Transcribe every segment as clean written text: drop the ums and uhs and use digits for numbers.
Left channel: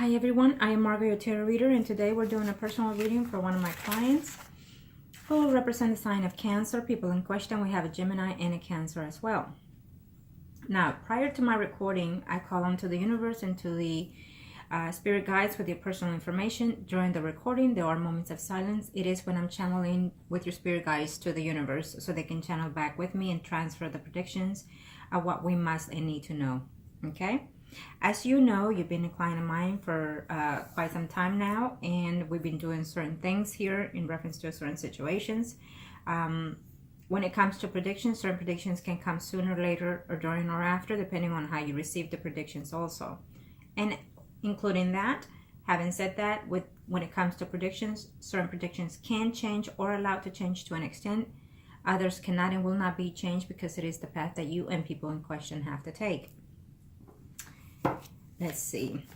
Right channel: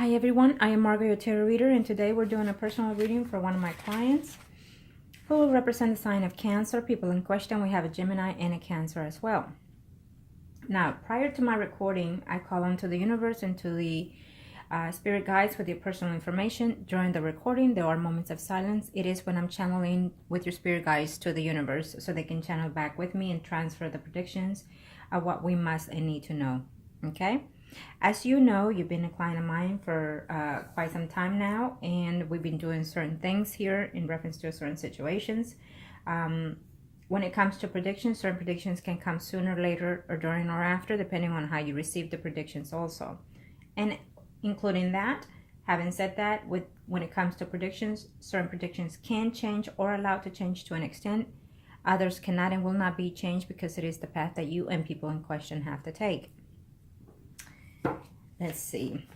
Hi everyone, I am Margourtarotreader, and today we're doing a personal reading for one of my clients who will represent the sign of Cancer. People in question, we have a Gemini and a Cancer as well. Now, prior to my recording, I call on to the universe and to the spirit guides with your personal information. During the recording, there are moments of silence. It is when I'm channeling with your spirit guides to the universe so they can channel back with me and transfer the predictions of what we must and need to know. Okay? As you know, you've been a client of mine for quite some time now, and we've been doing certain things here in reference to certain situations. When it comes to predictions, certain predictions can come sooner, later, or during or after, depending on how you receive the predictions also. And including that, having said that, when it comes to predictions, certain predictions can change or allowed to change to an extent. Others cannot and will not be changed because it is the path that you and people in question have to take. Let's see.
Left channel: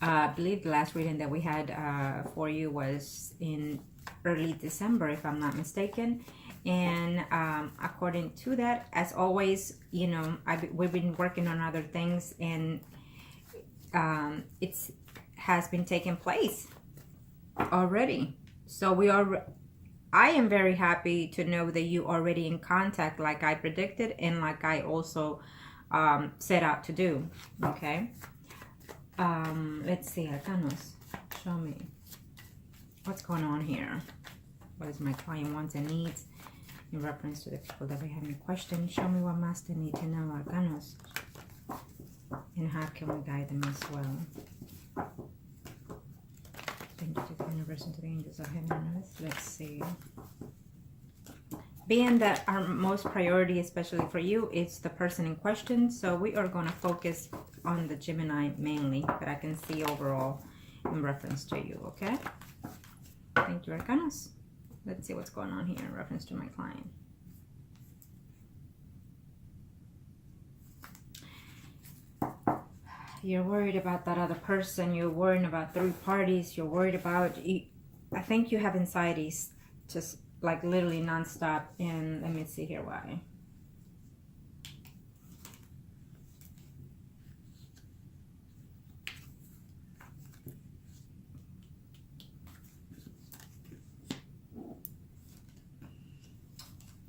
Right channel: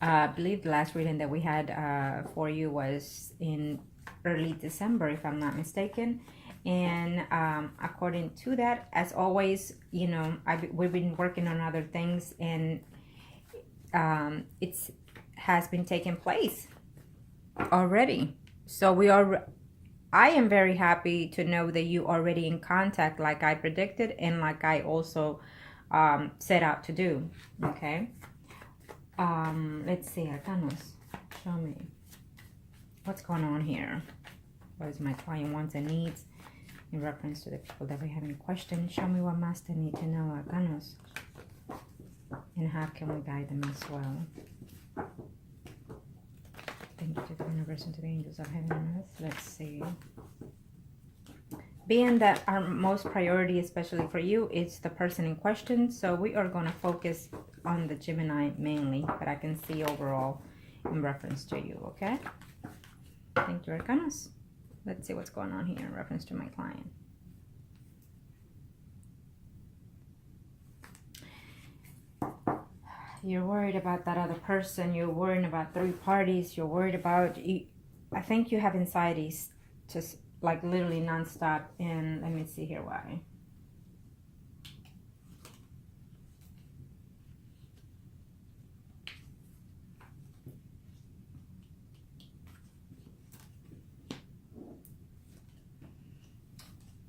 I believe the last reading that we had for you was in early December, if I'm not mistaken. And according to that, as always, you know, we've been working on other things, and it has been taking place already. So I am very happy to know that you are already in contact, like I predicted and like I also set out to do. Okay, let's see, Arcanos, show me what's going on here. What is my client wants and needs in reference to the people that we have any questions? Show me what must they need to know, Arcanos, and how can we guide them as well. Thank you to the universe and to the angels of heaven and earth. Let's see. Being that our most priority, especially for you, is the person in question, so we are going to focus on the Gemini mainly, but I can see overall in reference to you, okay? Thank you, Arcanos. Let's see what's going on here in reference to my client. You're worried about that other person. You're worried about third parties. You're worried about... I think you have anxieties just like literally non-stop. And let me see here why.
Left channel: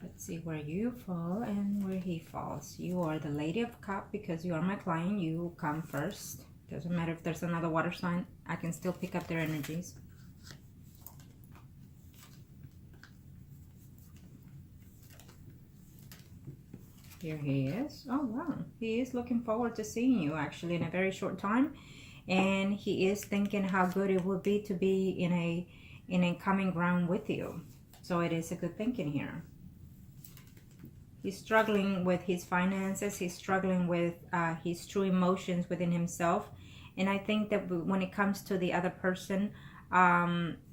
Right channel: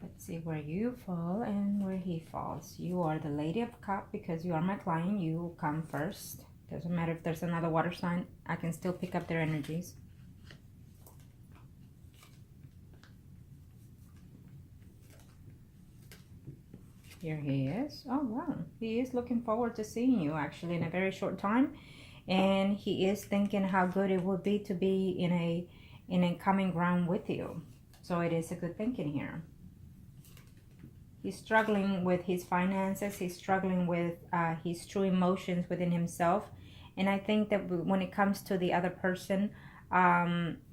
Let's see where you fall and where he falls. You are the Lady of Cups because you are my client. You come first. Doesn't matter if there's another water sign. I can still pick up their energies. Here he is. Oh, wow. He is looking forward to seeing you actually in a very short time. And he is thinking how good it would be to be in a common ground with you. So it is a good thinking here. He's struggling with his finances. He's struggling with his true emotions within himself. And I think that when it comes to the other person,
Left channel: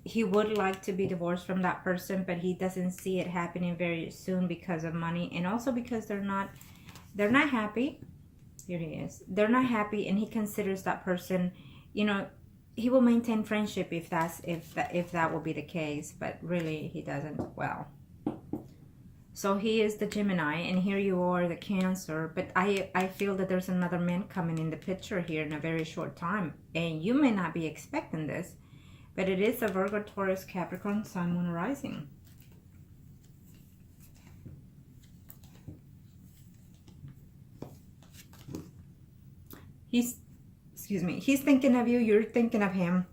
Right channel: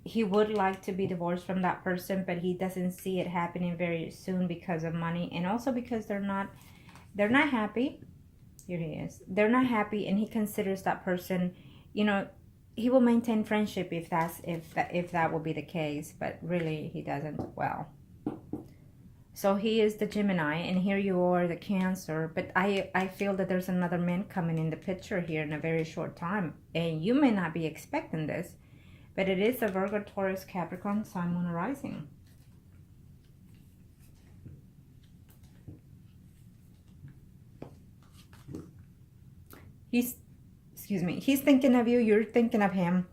he would like to be divorced from that person, but he doesn't see it happening very soon because of money, and also because they're not happy. Here he is. They're not happy, and he considers that person, you know, he will maintain friendship if that will be the case, but really he doesn't. Well, so he is the Gemini, and here you are the Cancer, but I feel that there's another man coming in the picture here in a very short time, and you may not be expecting this. But it is a Virgo, Taurus, Capricorn, Sun, Moon, Rising. He's thinking of you. You're thinking of him.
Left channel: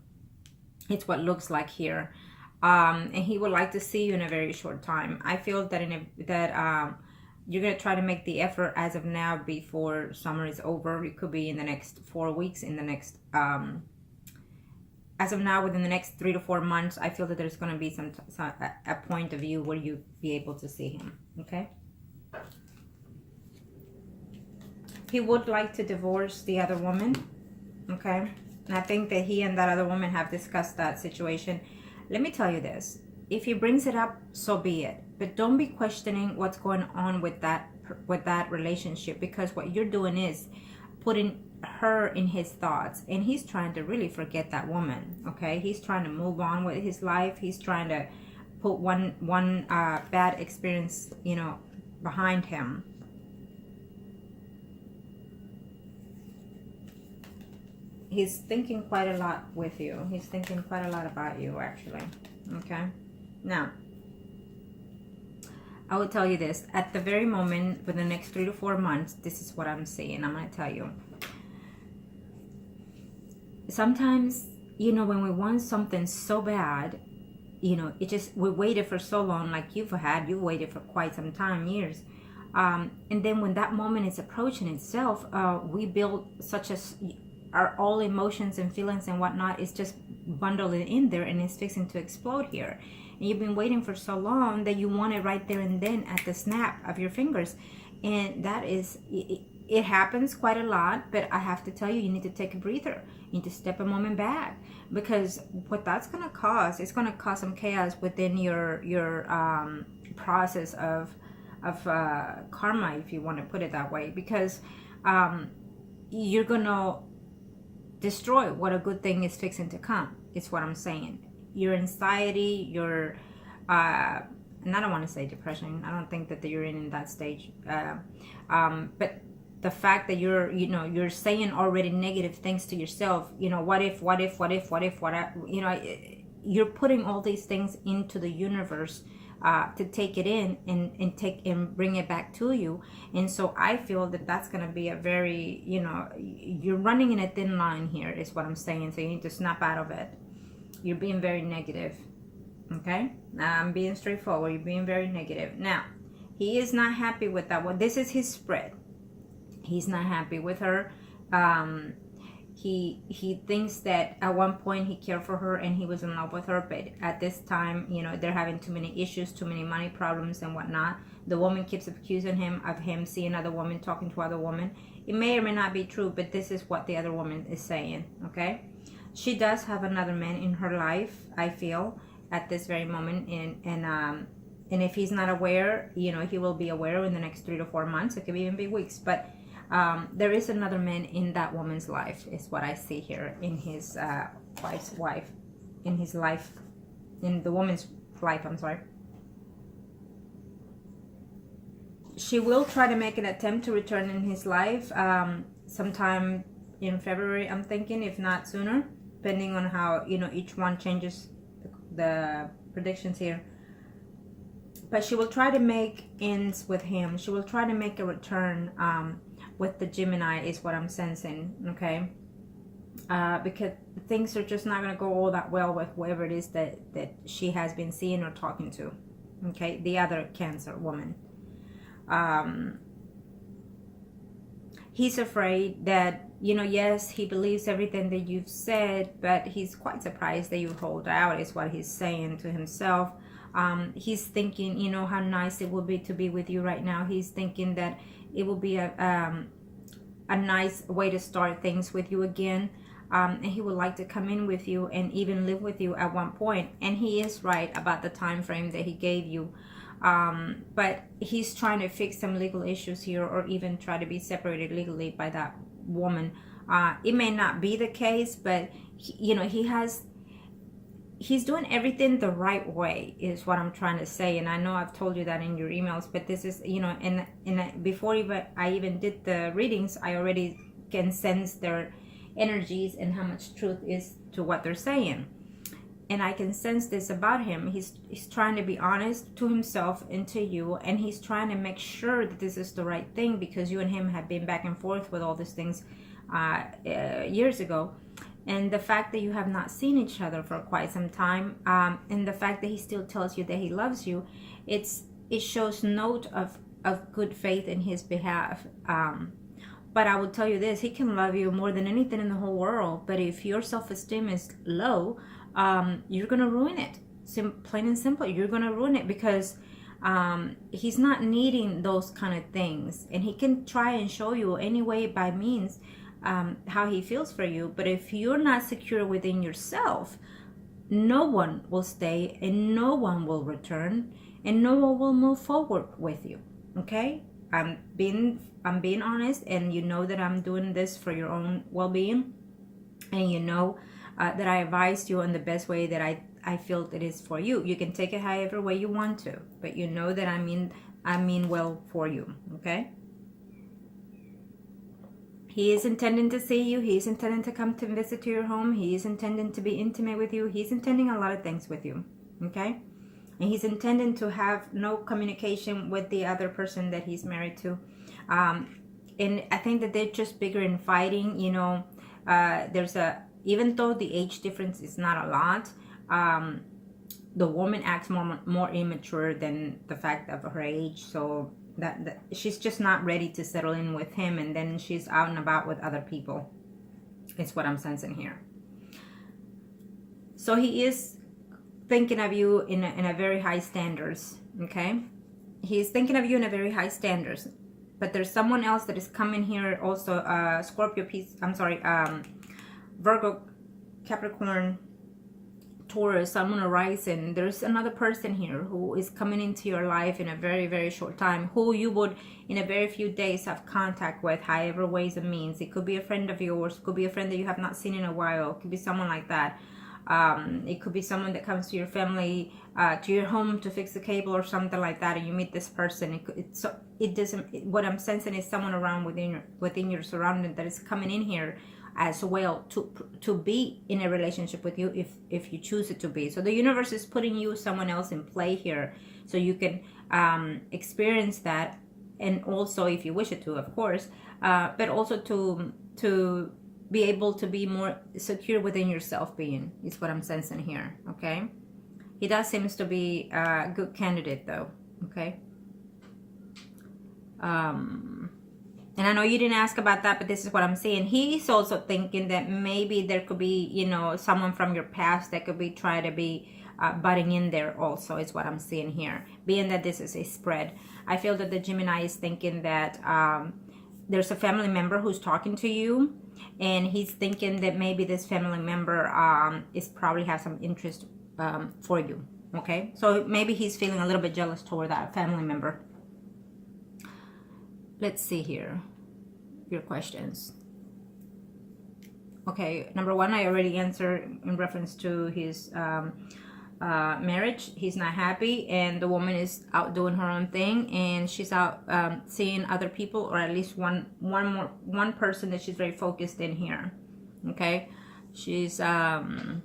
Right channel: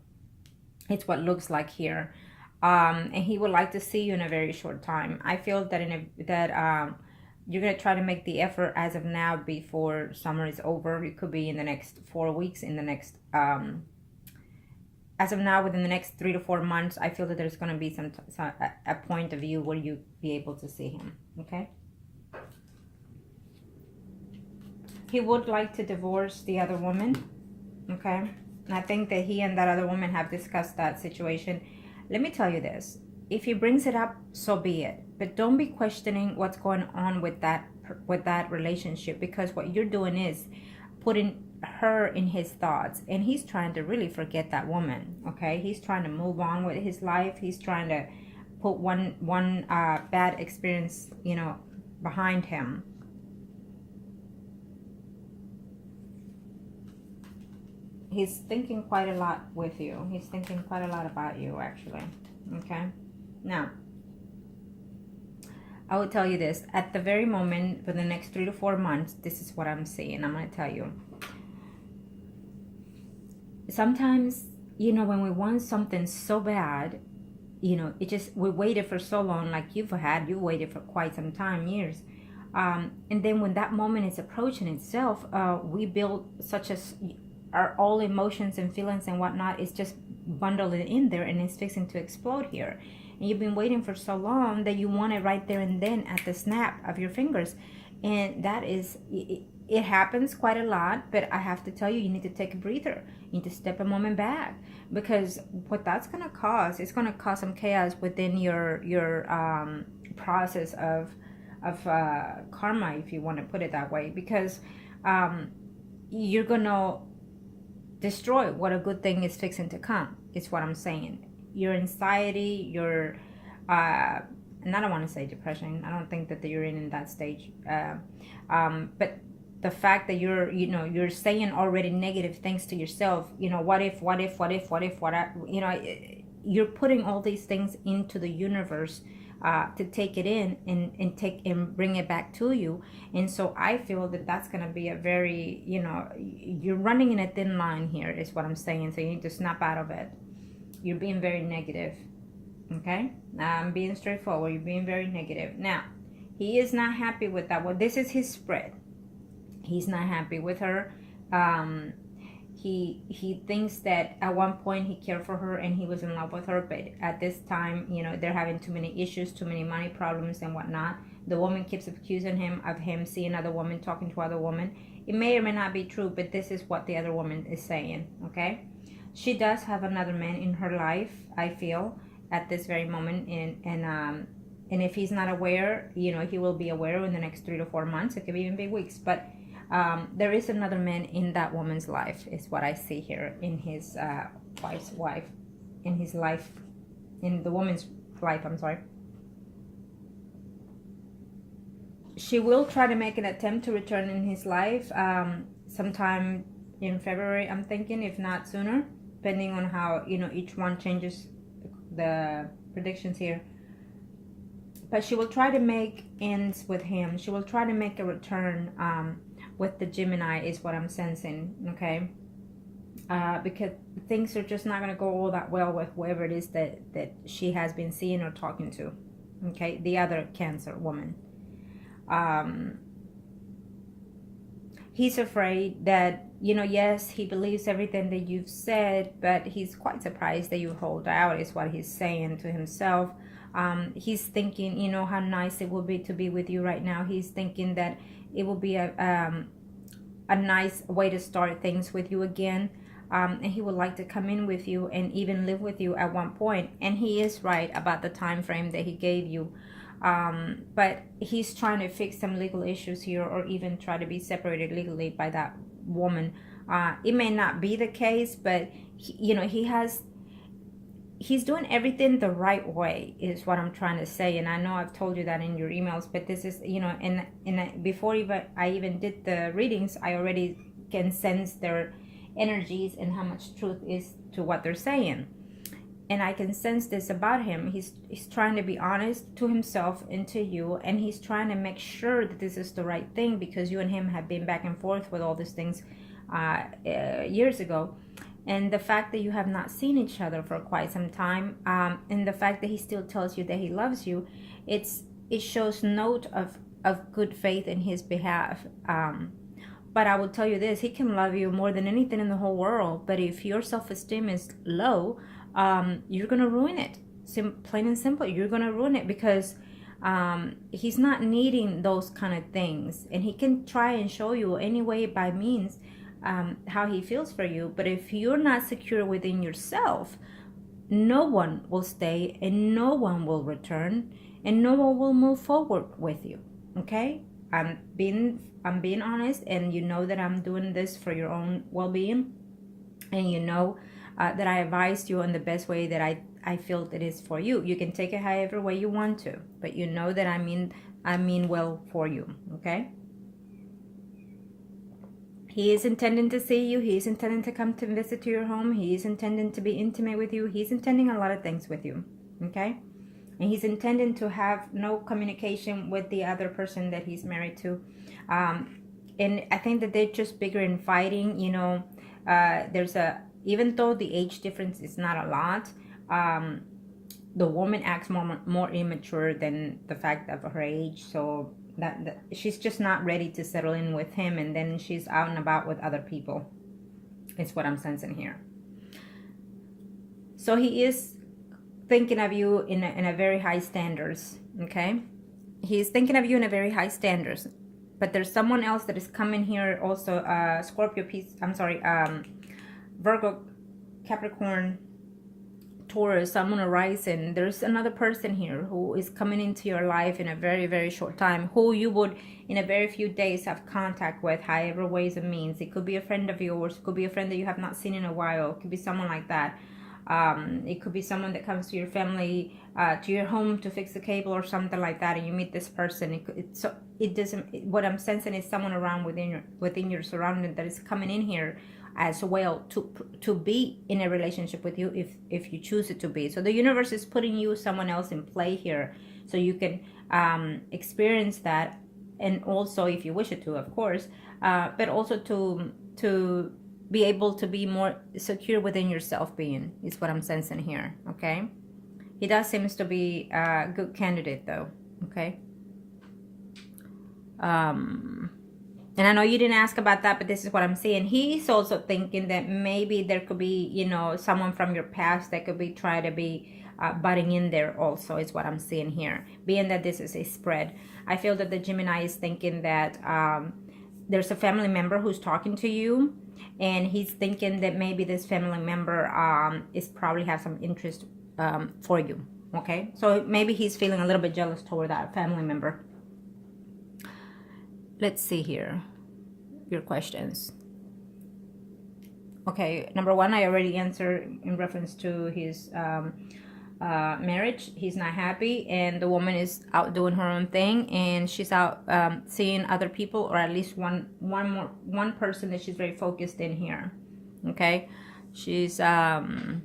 It's what looks like here. And he would like to see you in a very short time. I feel that you're going to try to make the effort as of now before summer is over. It could be in the next 4 weeks, in the next... as of now, within the next 3 to 4 months, I feel that there's going to be a point of view where you be able to see him, okay? He would like to divorce the other woman, okay? And I think that he and that other woman have discussed that situation. Let me tell you this. If he brings it up, so be it. But don't be questioning what's going on with that relationship, because what you're doing is putting her in his thoughts, and he's trying to really forget that woman, okay? He's trying to move on with his life. He's trying to put one bad experience, you know, behind him. he's thinking quite a lot with you. He's thinking quite a lot about you, actually. Okay. Now, I will tell you this. At the very moment, for the next 3 to 4 months, this is what I'm seeing. I'm going to tell you. Sometimes, you know, when we want something so bad, you know, we waited for so long, like you waited for quite some time, years. And then when that moment is approaching itself, we build our all emotions and feelings and whatnot is just bundled in there, and it's fixing to explode here. And you've been waiting for so long that you want it right there and then at the snap of your fingers. And that is, it happens quite a lot, but I have to tell you, you need to take a breather. You need to step a moment back, because what that's going to cause, it's going to cause some chaos within your process of karma, if you want to put it that way, because you're going to destroy what a good thing is fixing to come, is what I'm saying. Your anxiety, your and I don't want to say depression, I don't think that you're in that stage, but the fact that you're saying already negative things to yourself, you know, what if, you know, you're putting all these things into the universe to take it in and bring it back to you. And so I feel that that's going to be a very, you know, you're running in a thin line here, is what I'm saying. So you need to snap out of it. You're being very negative. Okay, I'm being straightforward. You're being very negative. Now, he is not happy with that. Well, this is his spread. He's not happy with her. He thinks that at one point he cared for her and he was in love with her, but at this time, you know, they're having too many issues, too many money problems and whatnot. The woman keeps accusing him of seeing other women, talking to other women. It may or may not be true, but this is what the other woman is saying. Okay, she does have another man in her life, I feel, at this very moment, and if he's not aware, you know, he will be aware in the next 3 to 4 months. It could even be weeks, but there is another man in that woman's life, is what I see here, in his wife's wife, in his life, in the woman's life, I'm sorry. She will try to make an attempt to return in his life sometime in February, I'm thinking, if not sooner, depending on how, you know, each one changes the predictions here. But she will try to make ends with him. She will try to make a return with the Gemini, is what I'm sensing, okay? Because things are just not going to go all that well with whoever it is that she has been seeing or talking to, okay? The other Cancer woman. He's afraid that, you know, yes, he believes everything that you've said, but he's quite surprised that you hold out, is what he's saying to himself. He's thinking, you know, how nice it would be to be with you right now. He's thinking that it will be a nice way to start things with you again. And he would like to come in with you and even live with you at one point. And he is right about the time frame that he gave you. But he's trying to fix some legal issues here, or even try to be separated legally by that woman. It may not be the case, but you know, he's doing everything the right way, is what I'm trying to say. And I know I've told you that in your emails, but this is, you know, and before I even did the readings, I already can sense their energies and how much truth is to what they're saying. And I can sense this about him. He's trying to be honest to himself and to you, and he's trying to make sure that this is the right thing, because you and him have been back and forth with all these things years ago. And the fact that you have not seen each other for quite some time, and the fact that he still tells you that he loves you, it shows note of good faith in his behalf. But I will tell you this, he can love you more than anything in the whole world, but if your self-esteem is low, you're going to ruin it. Plain and simple, you're going to ruin it, because he's not needing those kind of things. And he can try and show you any way by means how he feels for you. But if you're not secure within yourself, no one will stay, and no one will return, and no one will move forward with you. Okay? I'm being honest, and you know that I'm doing this for your own well-being, and you know that I advised you in the best way that I feel that is for you. You can take it however way you want to, but you know that I mean well for you. Okay? He is intending to see you. He is intending to come to visit your home. He is intending to be intimate with you. He's intending a lot of things with you, okay? And he's intending to have no communication with the other person that he's married to. And I think that they're just bigger in fighting. You know, even though the age difference is not a lot, the woman acts more immature than the fact of her age. So that she's just not ready to settle in with him, and then she's out and about with other people. It's what I'm sensing here. So he is thinking of you in a very high standards, okay? He's thinking of you in a very high standards, but there's someone else that is coming here also, Scorpio, Virgo, Capricorn, Taurus, Sun, Moon, Rising. There's another person here who is coming into your life in a very, very short time, who you would in a very few days have contact with, however ways and means. It could be a friend of yours, it could be a friend that you have not seen in a while, it could be someone like that. It could be someone that comes to your family, to your home to fix the cable or something like that, and you meet this person. What I'm sensing is someone around within your surrounding that is coming in here as well to be in a relationship with you if you choose it to be. So the universe is putting you someone else in play here, so you can experience that, and also if you wish it to, of course, but also to be able to be more secure within yourself being, is what I'm sensing here, okay? He does seems to be a good candidate though, okay? And I know you didn't ask about that, but this is what I'm seeing. He's also thinking that maybe there could be, you know, someone from your past that could be trying to be butting in there also, is what I'm seeing here. Being that this is a spread, I feel that the Gemini is thinking that there's a family member who's talking to you, and he's thinking that maybe this family member is probably has some interest for you, okay? So maybe he's feeling a little bit jealous toward that family member. Let's see here, your questions. Okay, number one, I already answered in reference to his marriage. He's not happy, and the woman is out doing her own thing, and she's out seeing other people, or at least one person that she's very focused in here. Okay, she's very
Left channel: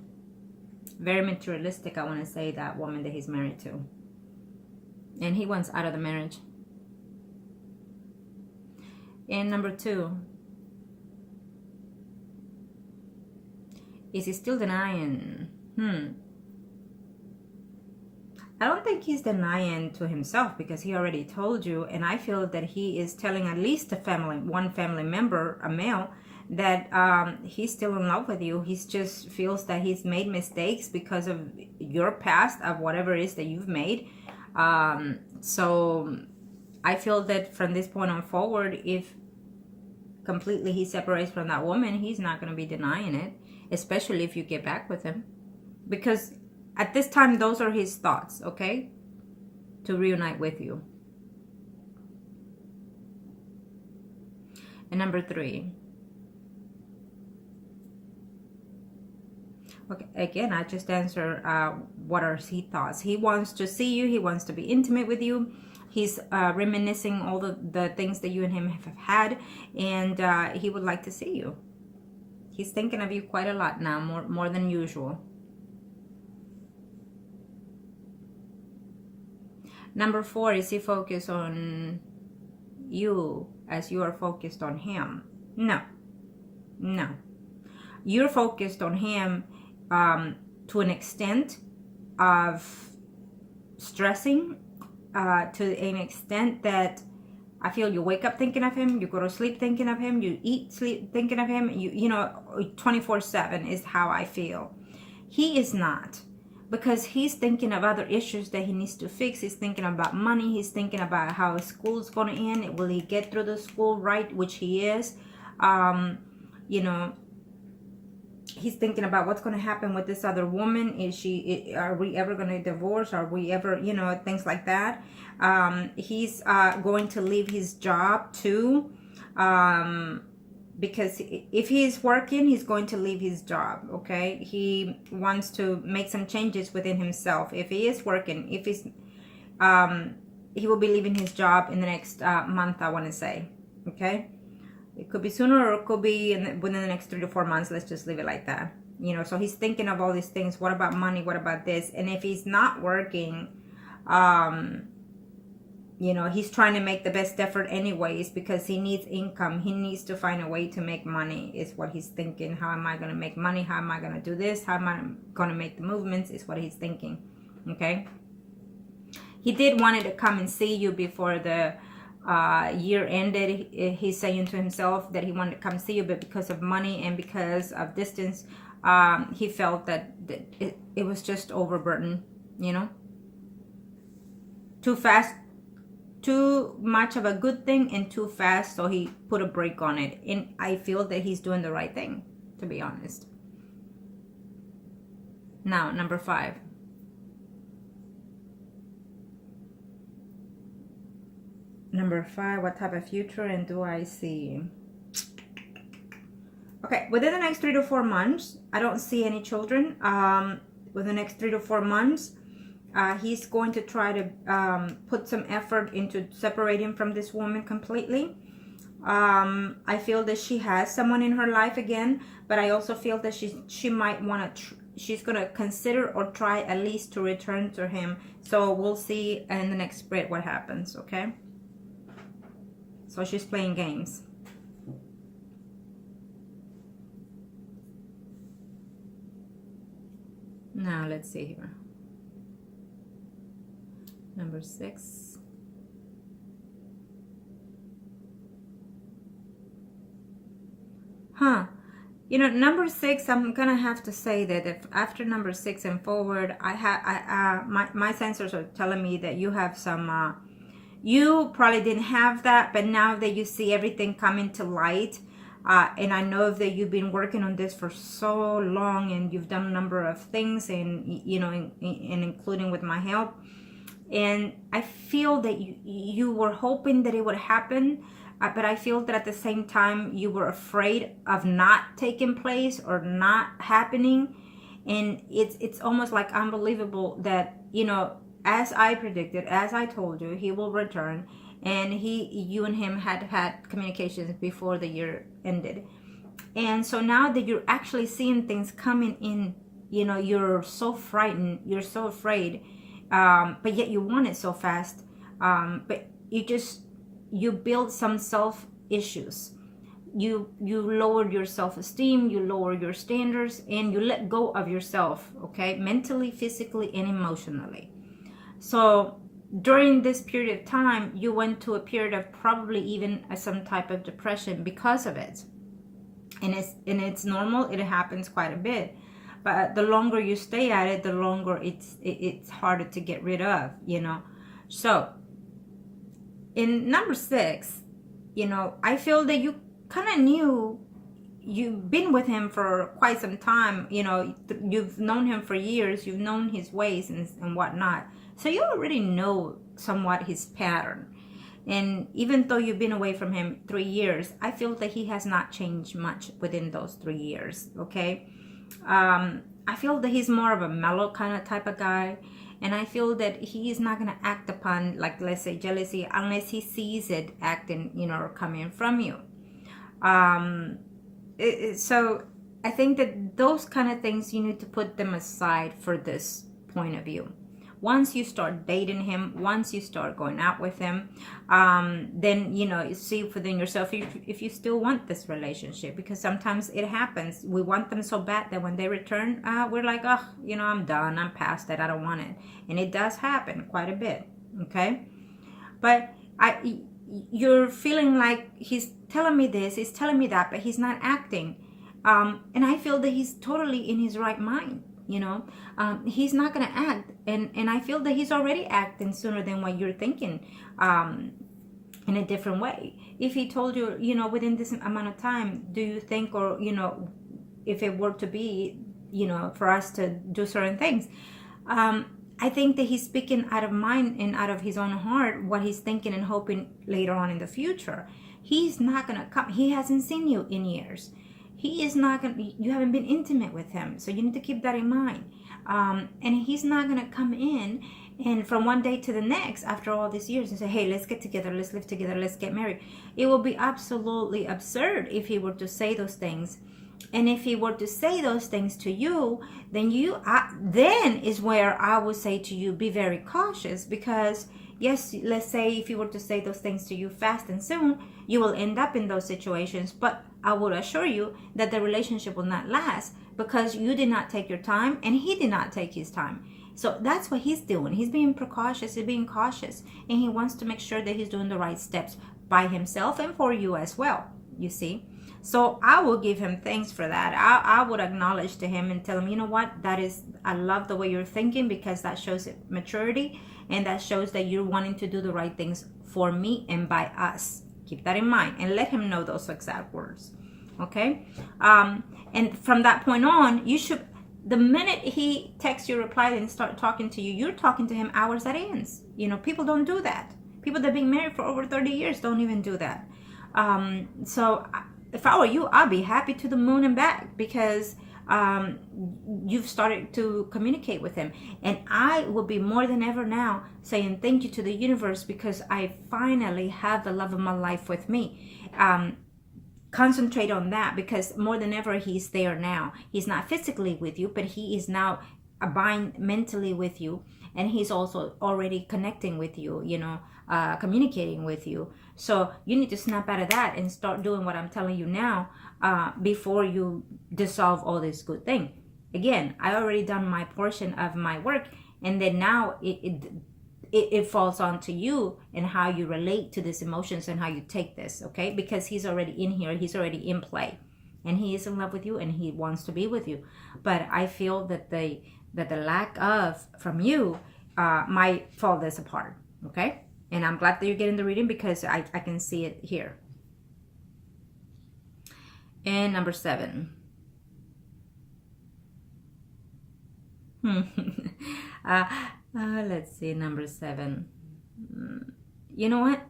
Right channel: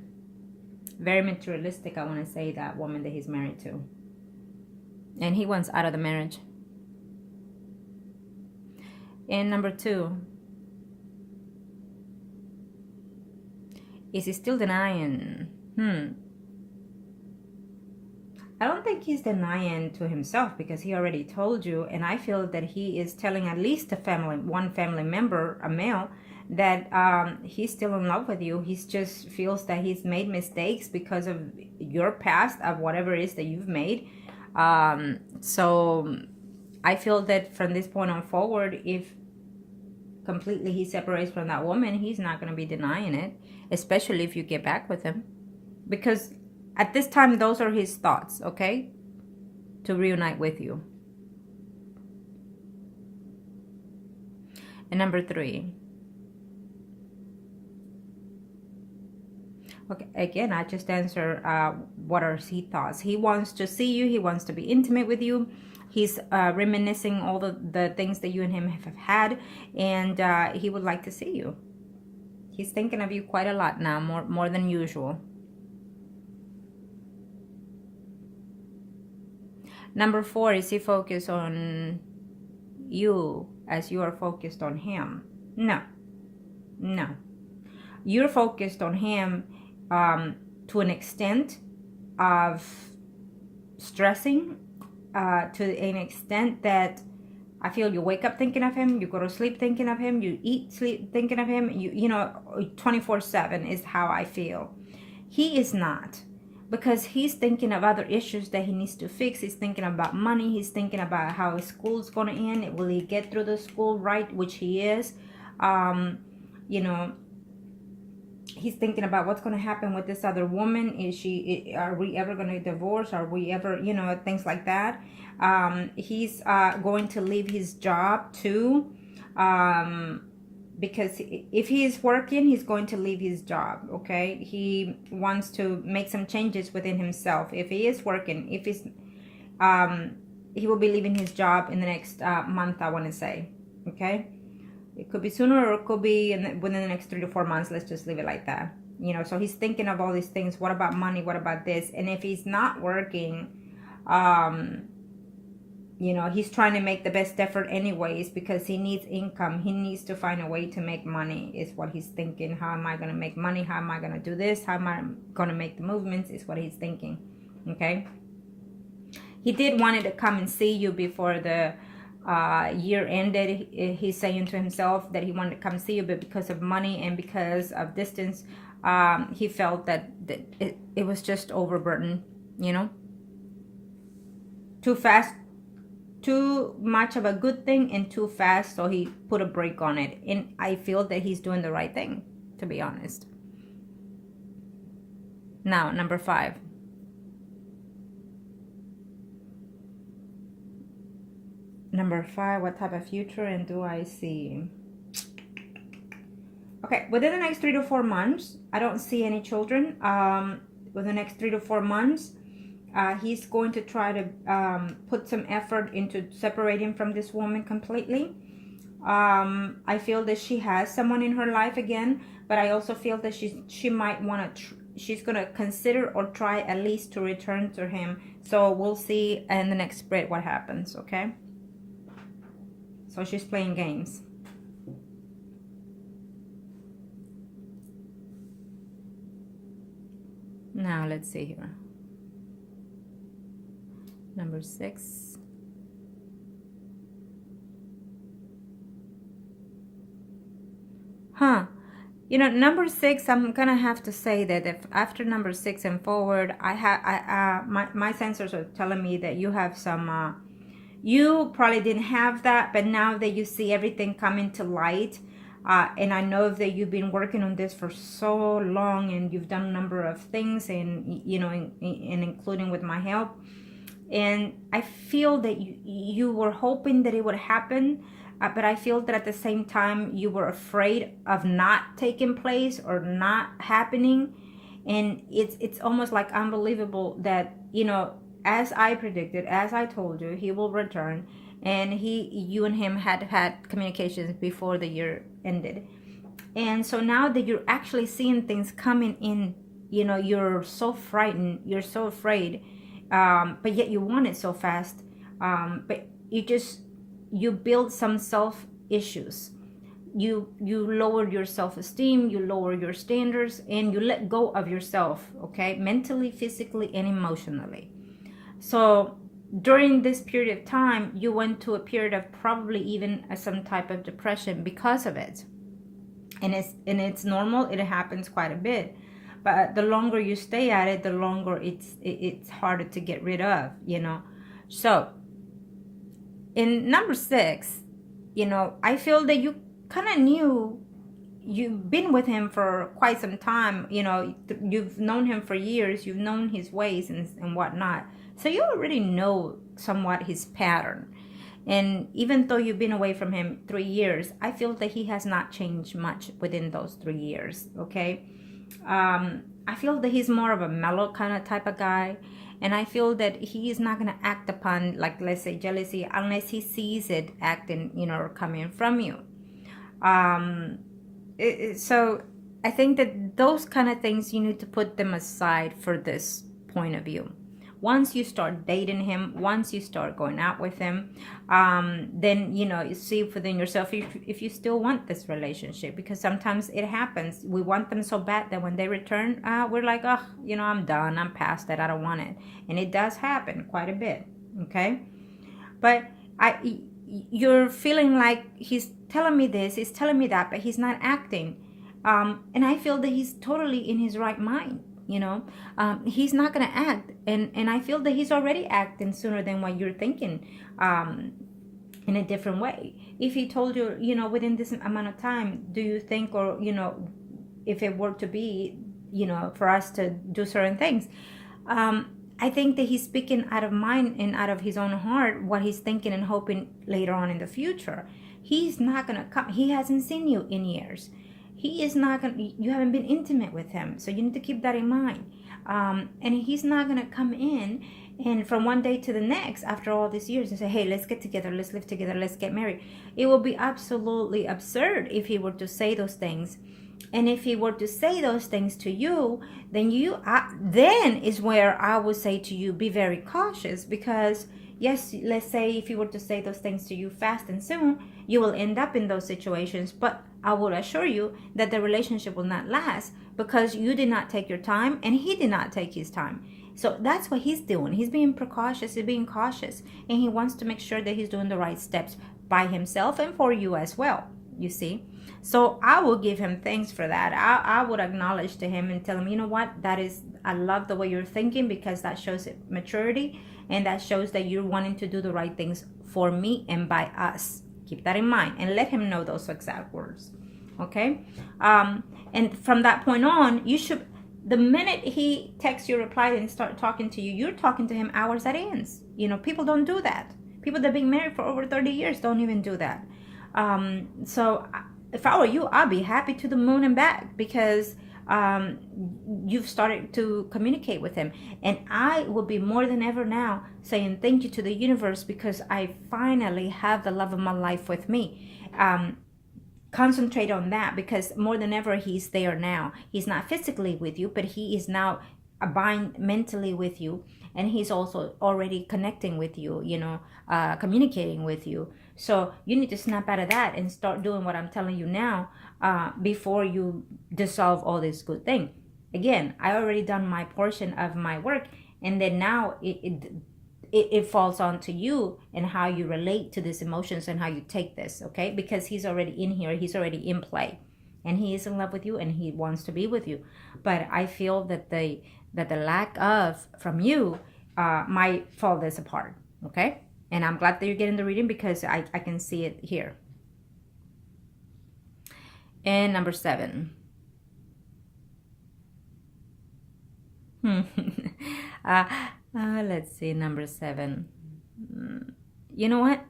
materialistic. I want to say, that woman that he's married to, and he wants out of the marriage. And number two, is he still denying? I don't think he's denying to himself, because he already told you, and I feel that he is telling at least one family member, a male, that he's still in love with you. He just feels that he's made mistakes because of your past, of whatever it is that you've made. So I feel that from this point on forward, if completely he separates from that woman, he's not going to be denying it, especially if you get back with him, because at this time those are his thoughts, okay, to reunite with you. And number three, okay, again, I just answered what are his thoughts. He wants to see you, he wants to be intimate with you. He's reminiscing all the things that you and him have had, and he would like to see you. He's thinking of you quite a lot now, more than usual. Number four, is he focused on you as you are focused on him? No. You're focused on him to an extent of stressing, to an extent that I feel you wake up thinking of him, you go to sleep thinking of him, you eat, sleep thinking of him, you know, 24/7 is how I feel. He is not, because he's thinking of other issues that he needs to fix. He's thinking about money. He's thinking about how his school's going to end. Will he get through the school right, which he is. You know, he's thinking about what's going to happen with this other woman. Are we ever going to divorce? Are we ever, you know, things like that. He's going to leave his job too, because if he is working, he's going to leave his job. Okay, he wants to make some changes within himself. If he is working, if he's he will be leaving his job in the next month, I want to say. Okay, It could be sooner or it could be within the next 3 to 4 months. Let's just leave it like that. You know, so he's thinking of all these things. What about money? What about this? And if he's not working, you know, he's trying to make the best effort anyways because he needs income. He needs to find a way to make money is what he's thinking. How am I going to make money? How am I going to do this? How am I going to make the movements is what he's thinking. Okay. He did wanted to come and see you before the year ended. He's saying to himself that he wanted to come see you, but because of money and because of distance, he felt that it was just overburdened, you know, too fast, too much of a good thing and too fast, so he put a break on it. And I feel that he's doing the right thing, to be honest. Now, number 5. Number 5, what type of future and do I see? Okay, within the next 3 to 4 months, I don't see any children. Within the next 3 to 4 months, he's going to try to put some effort into separating from this woman completely. I feel that she has someone in her life again, but I also feel that she might want to, she's going to consider or try at least to return to him. So we'll see in the next spread what happens, okay? So she's playing games. Now let's see here. Number 6. You know, number 6, I'm gonna have to say that if after number 6 and forward, my sensors are telling me that you have some you probably didn't have that, but now that you see everything coming to light, and I know that you've been working on this for so long and you've done a number of things, and you know, and including with my help, and I feel that you were hoping that it would happen, but I feel that at the same time you were afraid of not taking place or not happening. And it's almost like unbelievable that, you know, as I predicted, as I told you, he will return, and you and him had communications before the year ended. And so now that you're actually seeing things coming in, you know, you're so frightened, you're so afraid, but yet you want it so fast, but you build some self issues. You lower your self-esteem, you lower your standards, and you let go of yourself, okay, mentally, physically, and emotionally. So during this period of time, you went to a period of probably even some type of depression because of it. And it's normal. It happens quite a bit. But the longer you stay at it, the longer it's harder to get rid of, you know. So in number 6, you know, I feel that you kind of knew, you've been with him for quite some time, you know, you've known him for years, you've known his ways and whatnot. So you already know somewhat his pattern. And even though you've been away from him 3 years, I feel that he has not changed much within those 3 years, okay? I feel that he's more of a mellow kind of type of guy. And I feel that he is not going to act upon, like, let's say, jealousy unless he sees it acting, you know, or coming from you. So I think that those kind of things, you need to put them aside for this point of view. Once you start dating him, once you start going out with him, then, you know, you see within yourself if you still want this relationship, because sometimes it happens. We want them so bad that when they return, we're like, oh, you know, I'm done. I'm past that. I don't want it. And it does happen quite a bit. Okay. But you're feeling like he's telling me this, he's telling me that, but he's not acting. And I feel that he's totally in his right mind. You know, he's not going to act. And I feel that he's already acting sooner than what you're thinking, in a different way. If he told you, you know, within this amount of time, do you think, or, you know, if it were to be, you know, for us to do certain things, I think that he's speaking out of mind and out of his own heart, what he's thinking and hoping later on in the future. He's not going to come. He hasn't seen you in years. he is not going to, you haven't been intimate with him. So you need to keep that in mind. And he's not going to come in and from one day to the next, after all these years, and say, hey, let's get together, let's live together, let's get married. It will be absolutely absurd if he were to say those things. And if he were to say those things to you, then then is where I would say to you, be very cautious, because yes, let's say if he were to say those things to you fast and soon, you will end up in those situations. But I would assure you that the relationship will not last, because you did not take your time and he did not take his time. So that's what he's doing. He's being precautious, he's being cautious, and he wants to make sure that he's doing the right steps by himself and for you as well, you see. So I will give him thanks for that. I would acknowledge to him and tell him, you know what, I love the way you're thinking, because that shows maturity, and that shows that you're wanting to do the right things for me and by us. Keep that in mind, and let him know those exact words. Okay? And from that point on, you should, the minute he texts you, reply, and start talking to you, you're talking to him hours at ends. You know, people don't do that. People that have been married for over 30 years don't even do that. So if I were you, I'd be happy to the moon and back, because you've started to communicate with him. And I would be more than ever now saying thank you to the universe, because I finally have the love of my life with me. Concentrate on that, because more than ever he's there now. He's not physically with you, but he is now bind mentally with you, and he's also already connecting with you, you know, communicating with you. So you need to snap out of that and start doing what I'm telling you now, before you dissolve all this good thing. Again, I already done my portion of my work, and then now it falls on to you and how you relate to these emotions and how you take this, okay? Because he's already in here, he's already in play, and he is in love with you, and he wants to be with you. But I feel that the lack of from you might fall this apart, okay? And I'm glad that you're getting the reading, because I can see it here. And number 7. Let's see, number 7. You know what?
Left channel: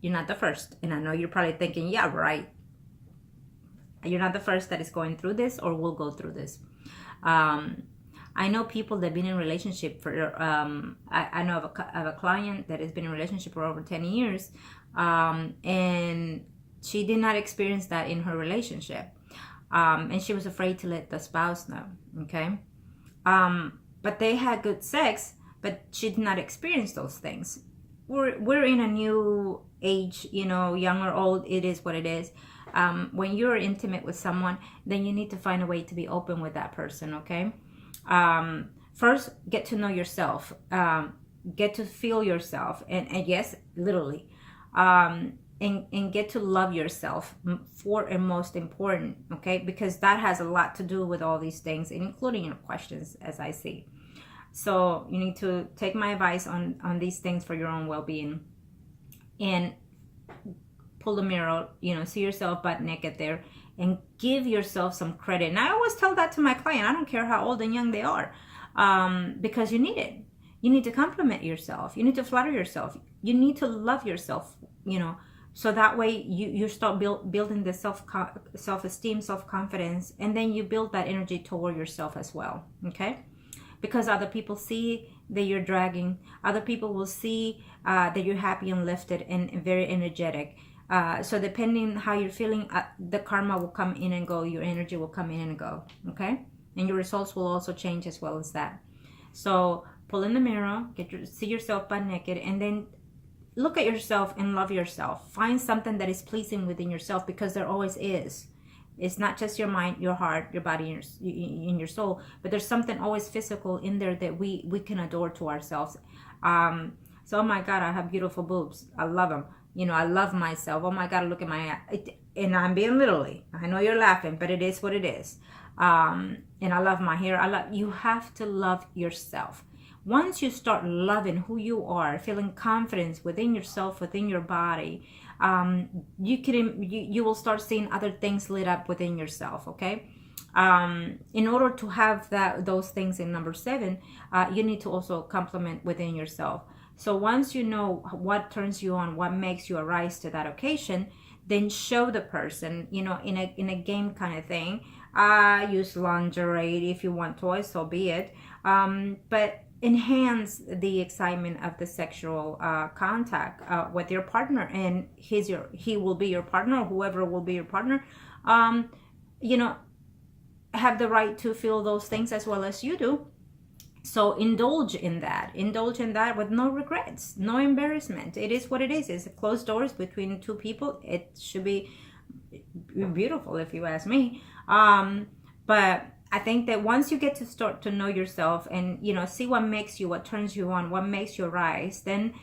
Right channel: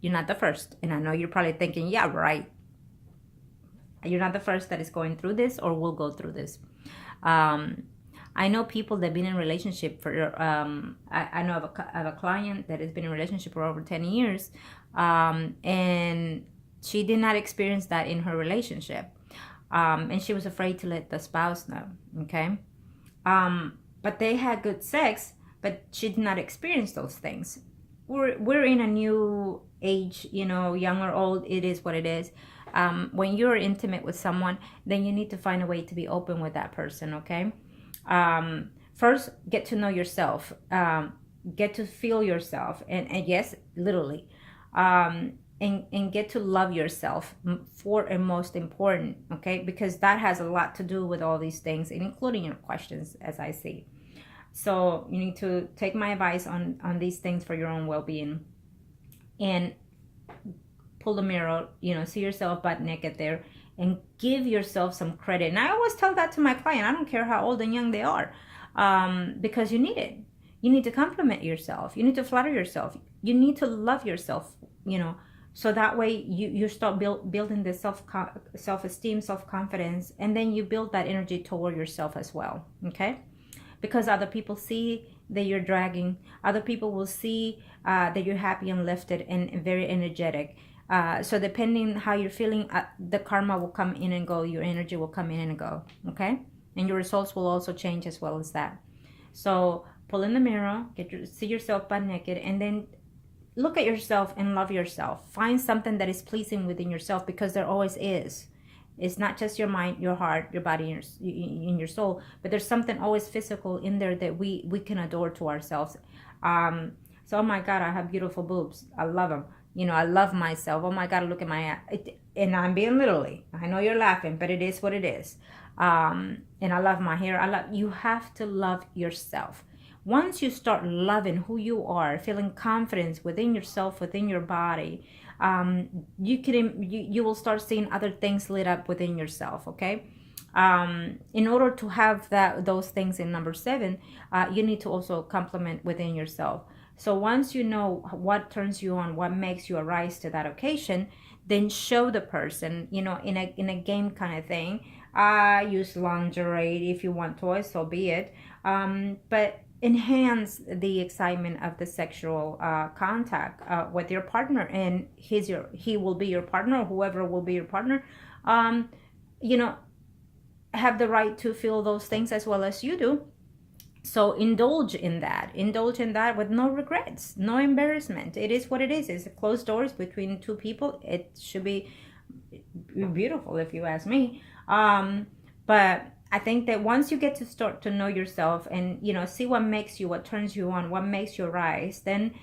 You're not the first. And I know you're probably thinking, yeah, right. You're not the first that is going through this or will go through this. I know people that have been in a relationship for, I know of a client that has been in a relationship for over 10 years. And she did not experience that in her relationship. And she was afraid to let the spouse know, okay? But they had good sex, but she did not experience those things. We're in a new age, you know, young or old, it is what it is. When you're intimate with someone, then you need to find a way to be open with that person, okay? First, get to know yourself, get to feel yourself, and yes, literally, and get to love yourself for and most important, okay? Because that has a lot to do with all these things, including your questions, as I see. So you need to take my advice on these things for your own well-being, and pull the mirror, you know, see yourself butt naked there, and give yourself some credit. And I always tell that to my client. I don't care how old and young they are, because you need it. You need to compliment yourself. You need to flatter yourself. You need to love yourself, you know, so that way you start building the self-esteem, self-confidence, and then you build that energy toward yourself as well, okay? Because other people see that you're dragging. Other people will see that you're happy and lifted and very energetic. So depending how you're feeling, the karma will come in and go. Your energy will come in and go, okay? And your results will also change as well as that. So pull in the mirror, see yourself butt naked, and then look at yourself and love yourself. Find something that is pleasing within yourself, because there always is. It's not just your mind, your heart, your body, and your soul, but there's something always physical in there that we can adore to ourselves. So, oh my God, I have beautiful boobs. I love them. You know, I love myself. Oh my God, look at my ass. And I'm being literally. I know you're laughing, but it is what it is. And I love my hair. You have to love yourself. Once you start loving who you are, feeling confidence within yourself, within your body, you will start seeing other things lit up within yourself, okay? In order to have those things in number 7, you need to also compliment within yourself. So once you know what turns you on, what makes you arise to that occasion, then show the person, you know, in a game kind of thing. Use lingerie if you want toys, so be it. But enhance the excitement of the sexual contact with your partner, and he will be your partner, or whoever will be your partner. You know, have the right to feel those things as well as you do. So indulge in that with no regrets, no embarrassment. It is what it is. It's closed doors between two people. It should be beautiful, if you ask me. But I think that once you get to start to know yourself, and, you know, see what makes you, what turns you on, what makes you rise, then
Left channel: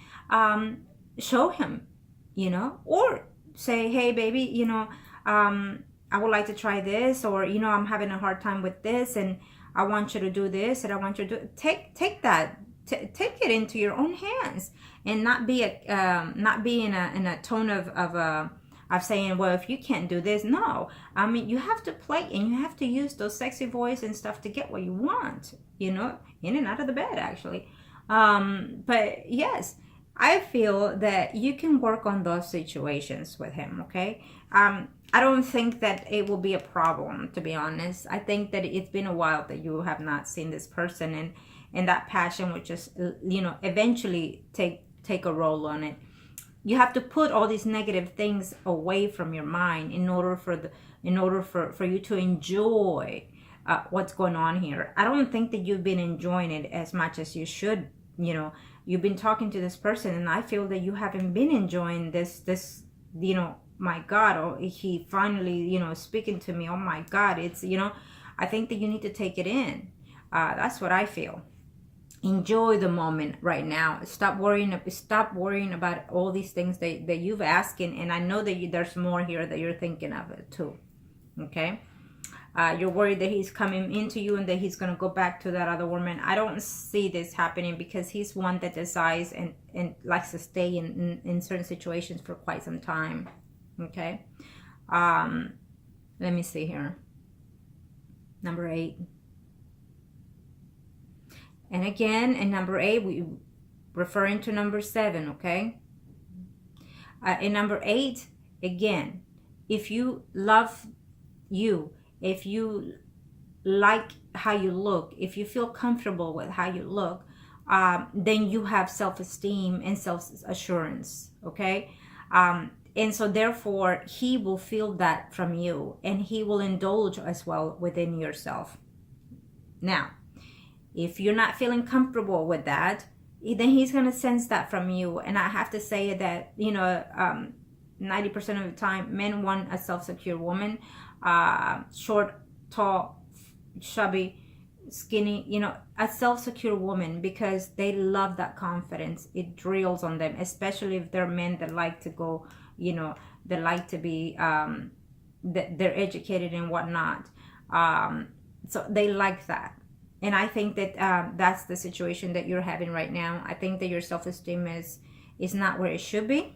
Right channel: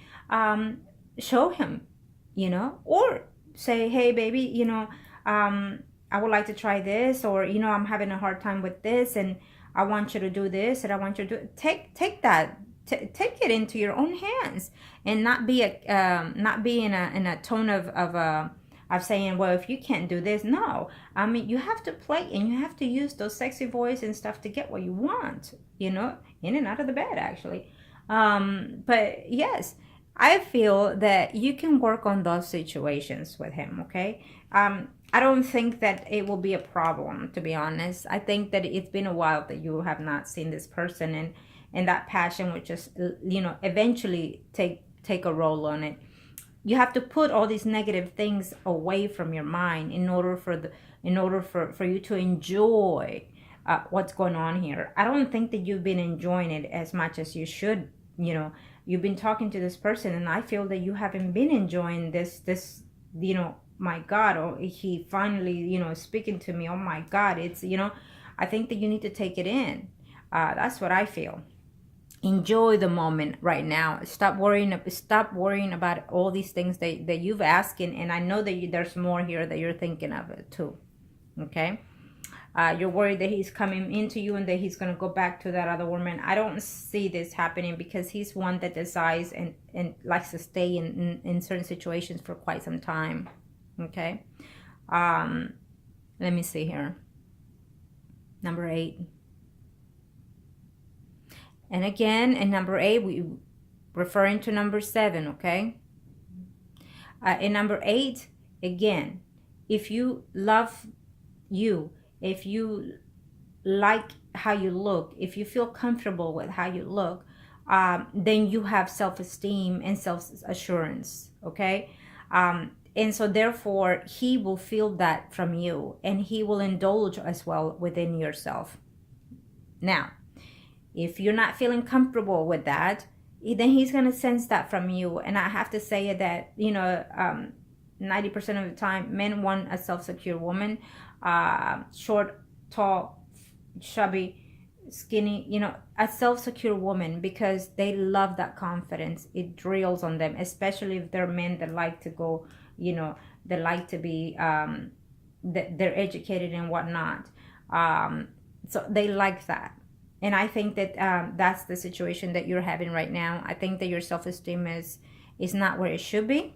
show him, you know, or say, hey baby, you know, I would like to try this, or, you know, I'm having a hard time with this, and I want you to do this, and I want you to do, take it into your own hands, and not be in a tone of saying, well, if you can't do this. No, I mean, you have to play, and you have to use those sexy voice and stuff to get what you want, you know, in and out of the bed, actually. But yes, I feel that you can work on those situations with him, okay? I don't think that it will be a problem, to be honest. I think that it's been a while that you have not seen this person, and that passion will just, you know, eventually take a role on it. You have to put all these negative things away from your mind in order for you to enjoy what's going on here. I don't think that you've been enjoying it as much as you should. You know, you've been talking to this person, and I feel that you haven't been enjoying this, you know, my God, oh, he finally, you know, speaking to me. Oh my God, it's, you know, I think that you need to take it in. That's what I feel. Enjoy the moment right now. Stop worrying about all these things that you've asked, and I know that there's more here that you're thinking of it too. Okay, you're worried that he's coming into you and that he's going to go back to that other woman. I don't see this happening, because he's one that decides and likes to stay in certain situations for quite some time. Okay, let me see here. Number 8. And again, in number 8, we referring to number 7, okay? In number 8, again, if you love you, if you like how you look, if you feel comfortable with how you look, then you have self-esteem and self-assurance, okay? And so therefore, he will feel that from you, and he will indulge as well within yourself. Now, if you're not feeling comfortable with that, then he's going to sense that from you. And I have to say that, you know, 90% of the time, men want a self-secure woman, short, tall, chubby, skinny, you know, a self-secure woman, because they love that confidence. It drills on them, especially if they're men that like to go, you know, they like to be, they're educated and whatnot. So they like that. And I think that that's the situation that you're having right now. I think that your self-esteem is not where it should be.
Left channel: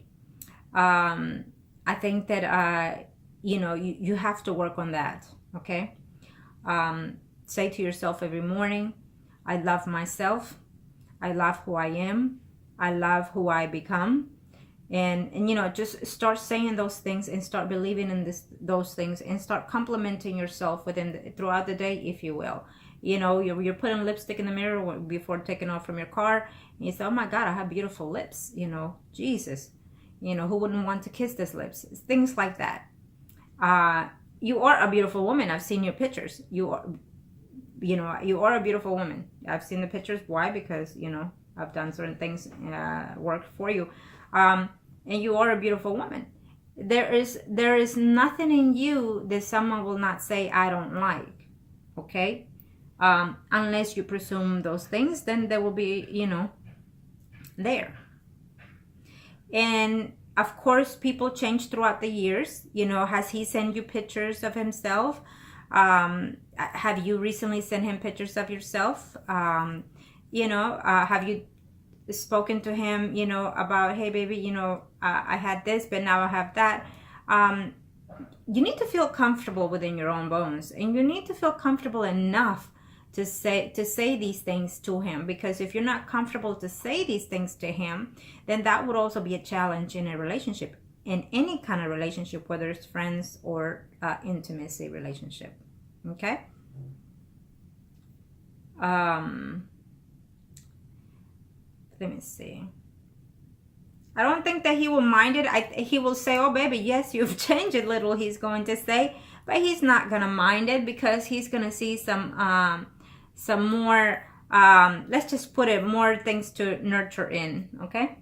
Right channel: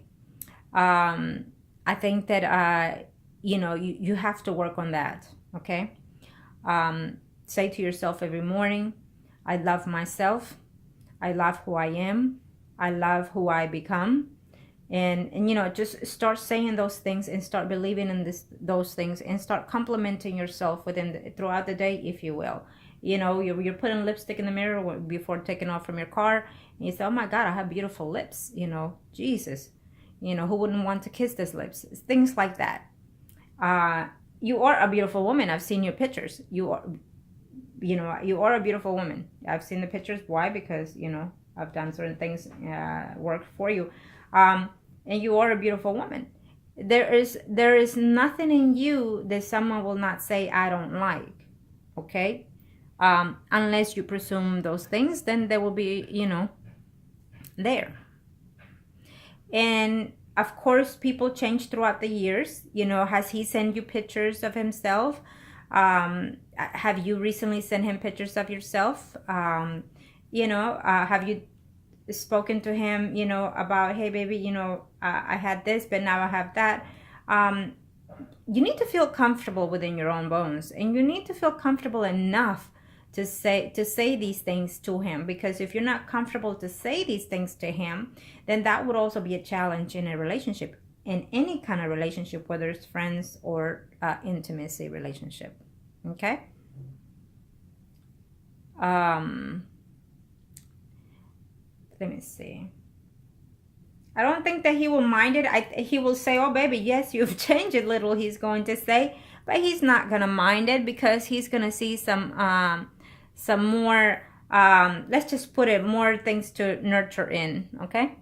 I think that, you know, you have to work on that, okay? Say to yourself every morning, I love myself. I love who I am. I love who I become. And you know, just start saying those things, and start believing in those things, and start complimenting yourself throughout the day, if you will. You know, you're putting lipstick in the mirror before taking off from your car, and you say, oh my God, I have beautiful lips. You know, Jesus, you know, who wouldn't want to kiss these lips? Things like that. You are a beautiful woman. I've seen your pictures. You are a beautiful woman. I've seen the pictures. Why? Because, you know, I've done certain things, work for you. And you are a beautiful woman. There is nothing in you that someone will not say, I don't like. Okay? Unless you presume those things, then they will be, you know, there. And of course, people change throughout the years. You know, has he sent you pictures of himself? Have you recently sent him pictures of yourself? You know, have you spoken to him, you know, about, hey baby, you know, I had this, but now I have that. You need to feel comfortable within your own bones, and you need to feel comfortable enough to say these things to him, because if you're not comfortable to say these things to him, then that would also be a challenge in a relationship. in any kind of relationship, whether it's friends or intimacy relationship. Okay. Let me see. I don't think that he will mind it. He will say, oh baby, yes, you've changed a little, he's going to say, but he's not going to mind it, because he's going to see some more, let's just put it, more things to nurture in. Okay.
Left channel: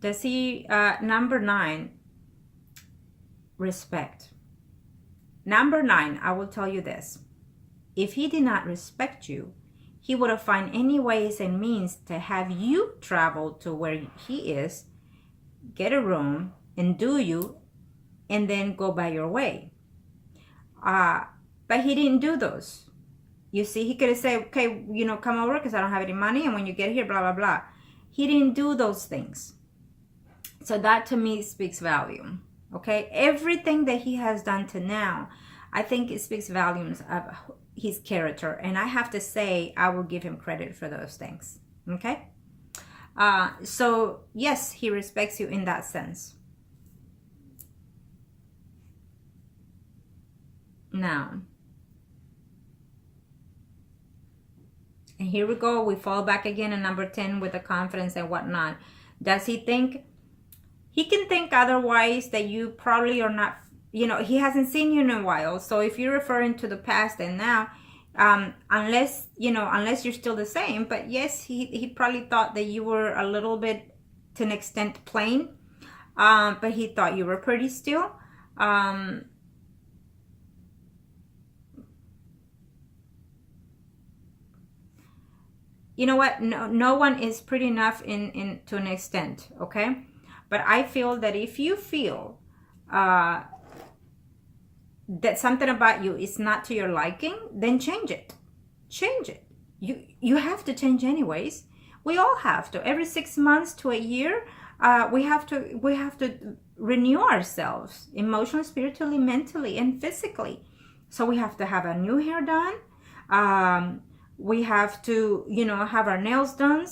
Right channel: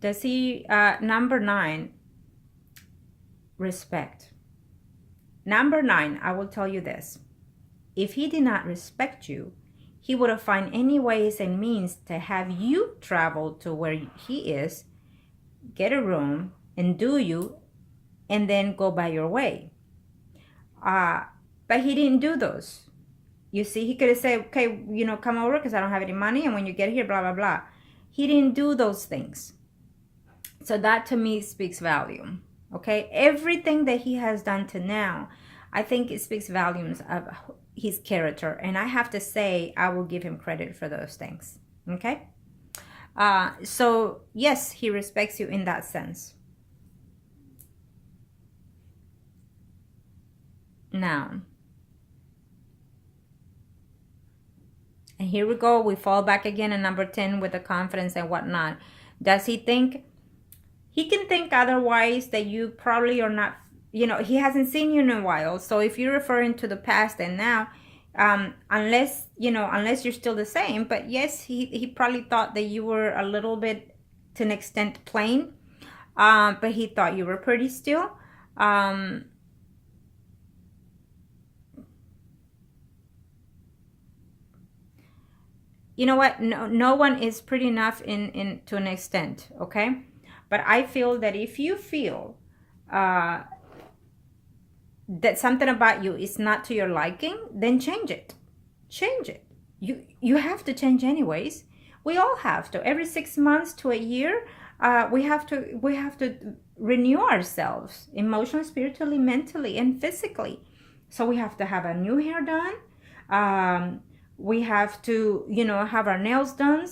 Does he, number 9, respect. Number 9, I will tell you this. If he did not respect you, he would have found any ways and means to have you travel to where he is, get a room, and do you, and then go by your way. But he didn't do those. You see, he could have said, okay, you know, come over because I don't have any money, and when you get here, blah, blah, blah. He didn't do those things. So that to me speaks volume. Okay, everything that he has done to now, I think it speaks volumes of his character, and I have to say I will give him credit for those things. Okay, so yes, he respects you in that sense. Now, and here we go, we fall back again in number 10 with the confidence and whatnot. Does he think? He can think otherwise, that you probably are not, you know, he hasn't seen you in a while. So if you're referring to the past and now, unless you're still the same, but yes, he probably thought that you were a little bit, to an extent, plain, but he thought you were pretty still. You know what? No one is pretty enough in to an extent, okay? But I feel that if you feel that something about you is not to your liking, then change it. Change it. You have to change anyways. We all have to. Every 6 months to a year, we have to renew ourselves emotionally, spiritually, mentally, and physically. So we have to have a new hair done. We have to, you know, have our nails done,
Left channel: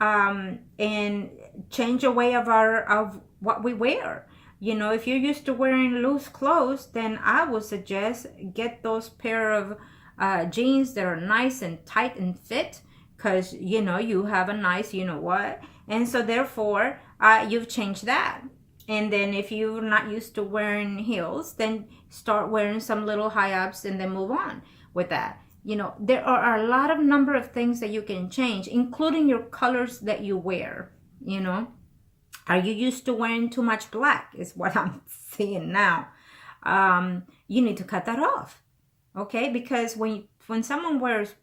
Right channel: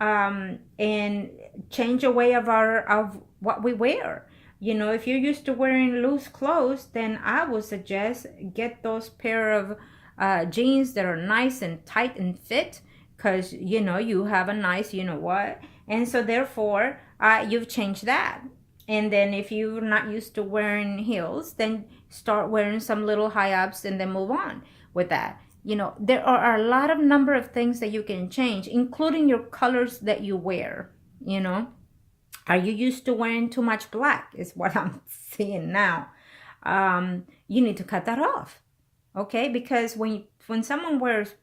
and change the way of what we wear. You know, if you're used to wearing loose clothes, then I would suggest get those pair of jeans that are nice and tight and fit, because you know you have a nice, you know what, and so therefore you've changed that. And then if you're not used to wearing heels, then start wearing some little high ups and then move on with that. You know, there are a lot of number of things that you can change, including your colors that you wear. You know, are you used to wearing too much black is what I'm seeing now. You need to cut that off. Okay, because when someone wears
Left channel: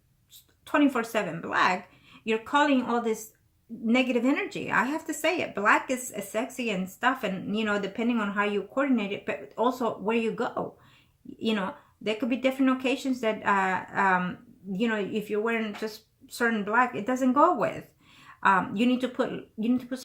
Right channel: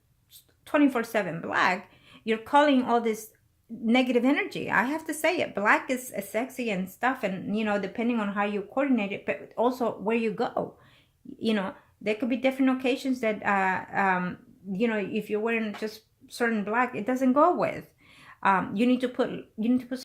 24/7 black, you're calling all this negative energy. I have to say it. Black is sexy and stuff, and you know, depending on how you coordinate it, but also where you go. You know, there could be different occasions that you know, if you're wearing just certain black, it doesn't go with. You need to put